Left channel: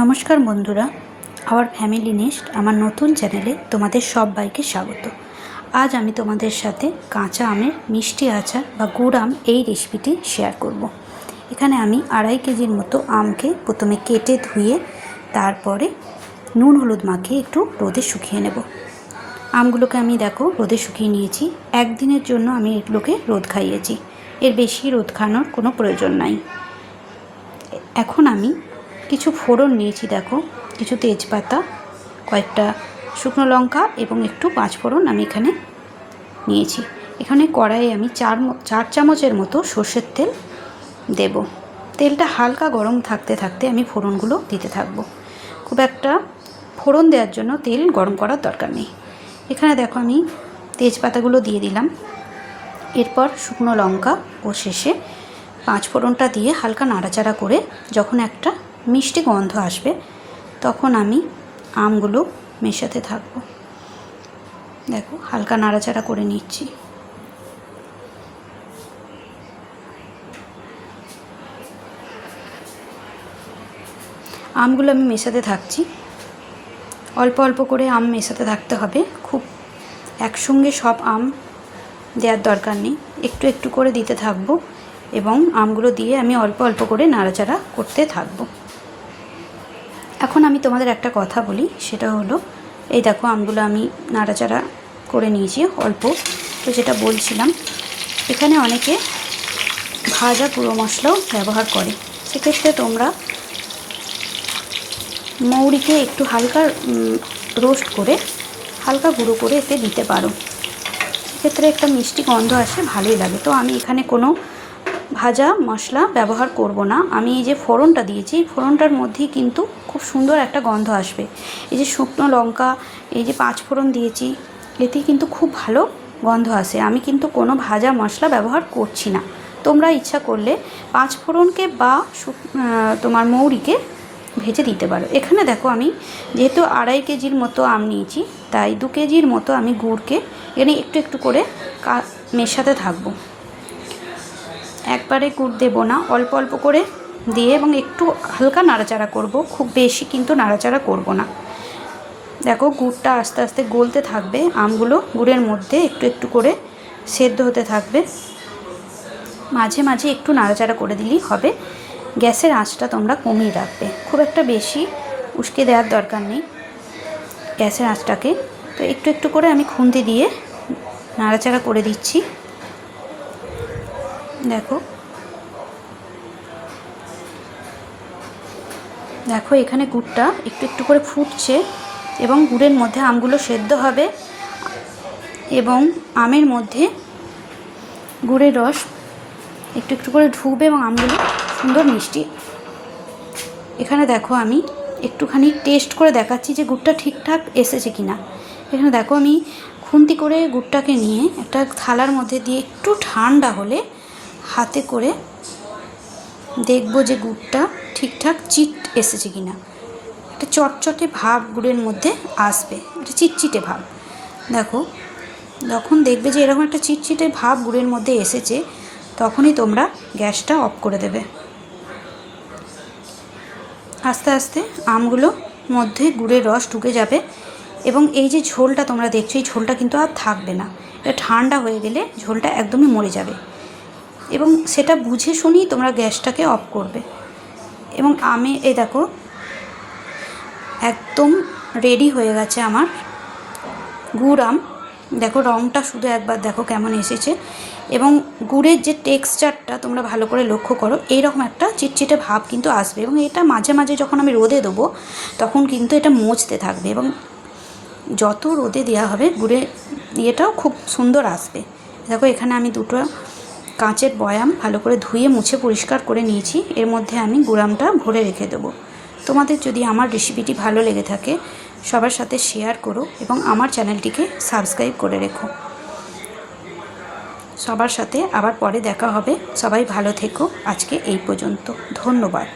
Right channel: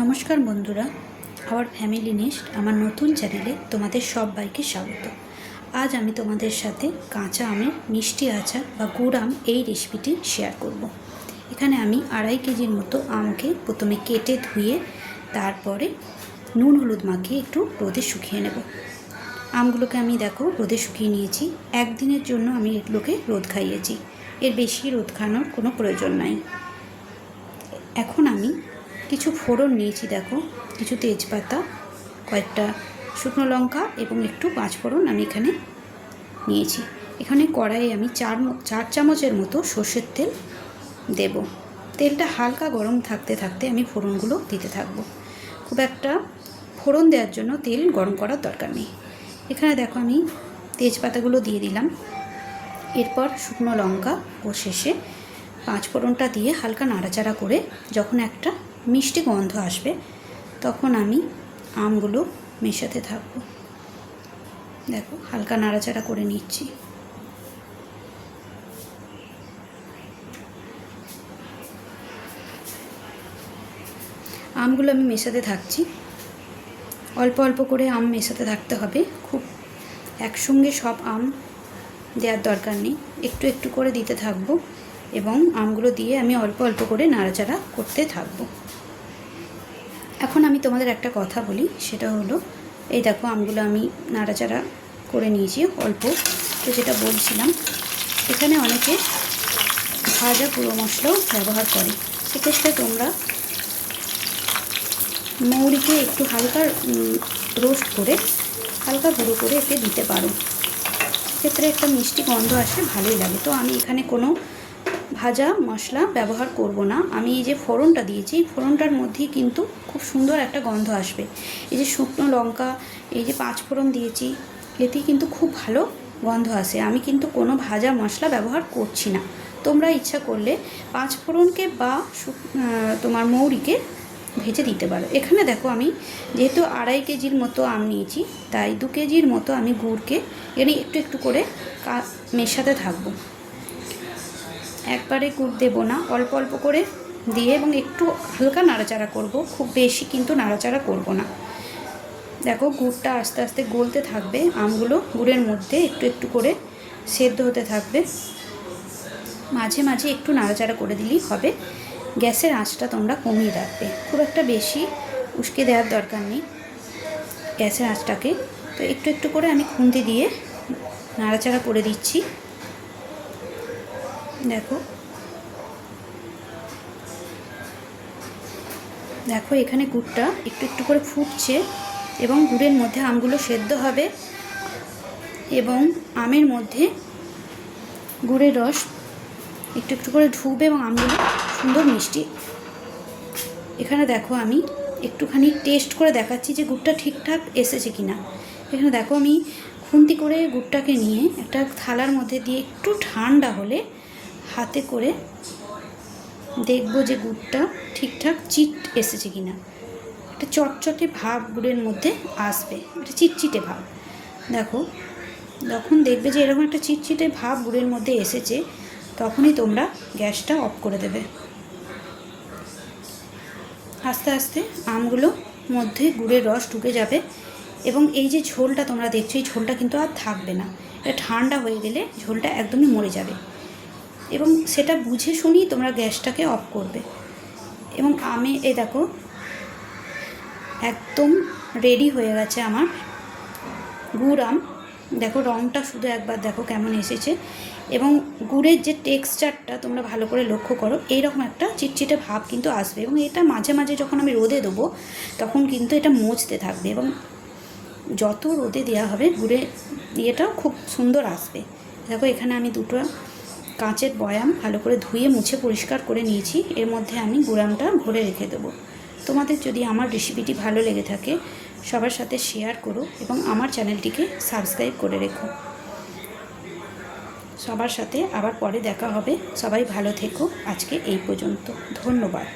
নমস্কার বন্ধুরা, our family nest আমার নতুন চ্যানেলে তোমাদের সবাইকে স্বাগত। আজ আমি তোমাদের সাথে কাঁচা আমের মিষ্টি আচার বা গুড় আম এই রেসিপিটি শেয়ার করব। এখানে আমি 2.5 কেজির মতো আমকে প্রথমে কেটে ধুয়ে তারপরে নুন হলুদ মাখিয়ে একটু রোদে শুকিয়ে নেব। আমগুলোকে আমি দেখো রোদে শুকিয়ে নিয়েছি। একদিনের জন্য আমি এগুলোকে রোদ খাইয়েছি, এর বেশি রোদ খাওয়ানোর কোনো প্রয়োজন নাই। এখন আমি কিছু ফোড়ন নিয়েছি, দেখো কিছু তেজপাতা, কয়েকটা শুকনো লঙ্কা এবং একটু পাঁচফোড়ন আমি এখানে নিয়েছি। এখানে কড়াইয়ে আমি 4 চামচের মতো সর্ষের তেল দেব। তেলটা হালকা গরম থাকতে থাকতে আমি ফোড়নগুলো দিতে থাকবো। খুব একটা ফোড়ন দেওয়ার জন্য তেল গরম করার দরকার নেই। এখানে দেখো আমি তেজপাতাগুলো দিয়ে দিলাম, এরপর শুকনো লঙ্কা ও শেষে পাঁচফোড়নটা দিয়ে হালকা নাড়াচাড়া করে যখন একটা মিষ্টি গন্ধ আসবে তখন আমি আমগুলো মেশাতে থাকব। দেখো হালকা নাড়াচাড়া করে নিচ্ছি। আমগুলো আমি মেশাতে থাকছি, অল্প অল্প করে আম মেশাতে থাকতে হবে। খুব একসঙ্গে সব আম দেওয়ার দরকার নেই, একটু একটু করে দিতে থাকবো এবং আমগুলো দিয়ে আমি অল্প অল্প করে নাড়াচাড়া করতে থাকবো। এখন আমি তোমাদের একটা কথা বলি, সেটা হলো এই দেখো আমগুলো আমি নাড়াচাড়া করে নিয়েছি অল্প। তো যেটা বলছিলাম, এখানে অনেকে ভাজা গুঁড়ো মশলাও ব্যবহার করে। সেক্ষেত্রে তোমরা মৌরিকে একটু হালকা রোস্ট করে হালকা গুঁড়ো করে এতে দিতে পারো। সেক্ষেত্রে একটা মিষ্টি গন্ধ আসে, ভালোই লাগে। তো আমি এখানে কোনো ভাজা মশলা ব্যবহার করব না। আমি এই যে ফোড়নটা দিয়েছি, ফোড়নটার মধ্যেই কিন্তু খুব সুন্দর একটা গন্ধ আসবে। এই যে শুকনো লঙ্কা, এই যে পাঁচফোড়ন দিয়েছি, এতেই কিন্তু খুব ভালো গন্ধ আসে। আমি কিন্তু কোনো ভাজা মশলা ব্যবহার করছি না। তোমরা ইচ্ছা করলে পাঁচফোড়নকে বা তোমার মৌরিকে ভেজে দিতে পারো। এখানে দেখো আমি যেহেতু 2.5 কেজির মতো আম নিয়েছি, তাই 2 কেজির মতো আমি গুড়কে এখানে একটু একটু করে মেশাতে থাকবো। একবারে গুড় দেবো না, অল্প অল্প করে দিয়ে এবং একটু হালকা নাড়াচাড়া করব, খুব বেশি কিন্তু নাড়াচাড়া করব না। দেখো গুড়টা আস্তে আস্তে গলতে থাকবে, আমগুলো গুড়ের মধ্যে একটু একটু করে সেদ্ধ হতে থাকবে। মাঝে মাঝে একটু নাড়াচাড়া করে দিলেই হবে। গ্যাসের আঁচটা তোমরা কমিয়ে রাখবে, খুব একটা বেশি উস্কে দেওয়ার দরকার নেই গ্যাসের আঁচটাকে। তো একটু একটু করে আমি খুন্তি দিয়ে নাড়াচাড়া করে দিচ্ছি। দেখো দেখো এখানে গুড়টা একটু একটু করে ফুটছে এবং গুড়ের মধ্যে আমগুলো সেদ্ধ হবে এবং আমের মধ্যে গুড়ের রস একটু একটু করে ঢুকবে এবং আমগুলো সুন্দর মিষ্টি। এখানে দেখো আমি একটুখানি টেস্ট করে দেখাচ্ছি যে গুড়টা ঠিকঠাক এসেছে কি না। এখানে দেখো আমি খুন্তি করে গুড়টাকে নিয়ে একটা থালার মধ্যে দিয়ে একটু ঠান্ডা হলে হাতে করে দেখবো যে গুড়টা ঠিকঠাক চিট এসেছে কি না। একটা চটচটে ভাব গুড়ের মধ্যে আসবে, একটা চিটচিটে ভাব। দেখো যখন দেখবে যে এরকম একটা চিটচিটে ভাব গুড়ের মধ্যে এসেছে, তখনই তোমরা গ্যাসটা অফ করে দেবে। আস্তে আস্তে আমগুলো মধ্যে গুড়ের রস ঢুকে যাবে এবং এই যে ঝোলটা তোমরা দেখছো, এই ঝোলটা কিন্তু আর থাকবে না। এটা ঠান্ডা হয়ে গেলে ঝোলটা একদমই মরে যাবে এবং সেটা বুঝে শুনেই তোমরা গ্যাসটাকে অফ করবে। এবং এই দেখো একদম রেডি হয়ে গেছে আমার গুড় আম। দেখো রঙটা শুধু একবার দেখো কেমন এসেছে এবং গুড়ের যে টেক্সচারটা তোমরা ভালো করে লক্ষ্য করো, এইরকম একটা চিটচিটে ভাব কিন্তু আসবে এবং এটা মাঝে মাঝে যখন আমি রোদে দেবো তখন কিন্তু এটা মজতে থাকবে এবং যত রোদে দেওয়া হবে গুড়ের ইয়েটাও খুব সুন্দর আসবে। দেখো এখানে আমি 2টো কাঁচের বয়াম ভালো করে ধুয়ে মুছে পরিষ্কার করে নিয়েছি, এর মধ্যে আমি গুড় আমটা ভরে রেখে দেবো। তোমাদের যদি আমার রেসিপিটি ভালো লেগে থাকে সবার সাথে শেয়ার করো এবং আমার চ্যানেলটিকে সাবস্ক্রাইব করে রেখো। সবার সাথে আবার পরে দেখা হবে। সবাই ভালো থেকো। আজকে এই পর্যন্ত, ধন্যবাদ।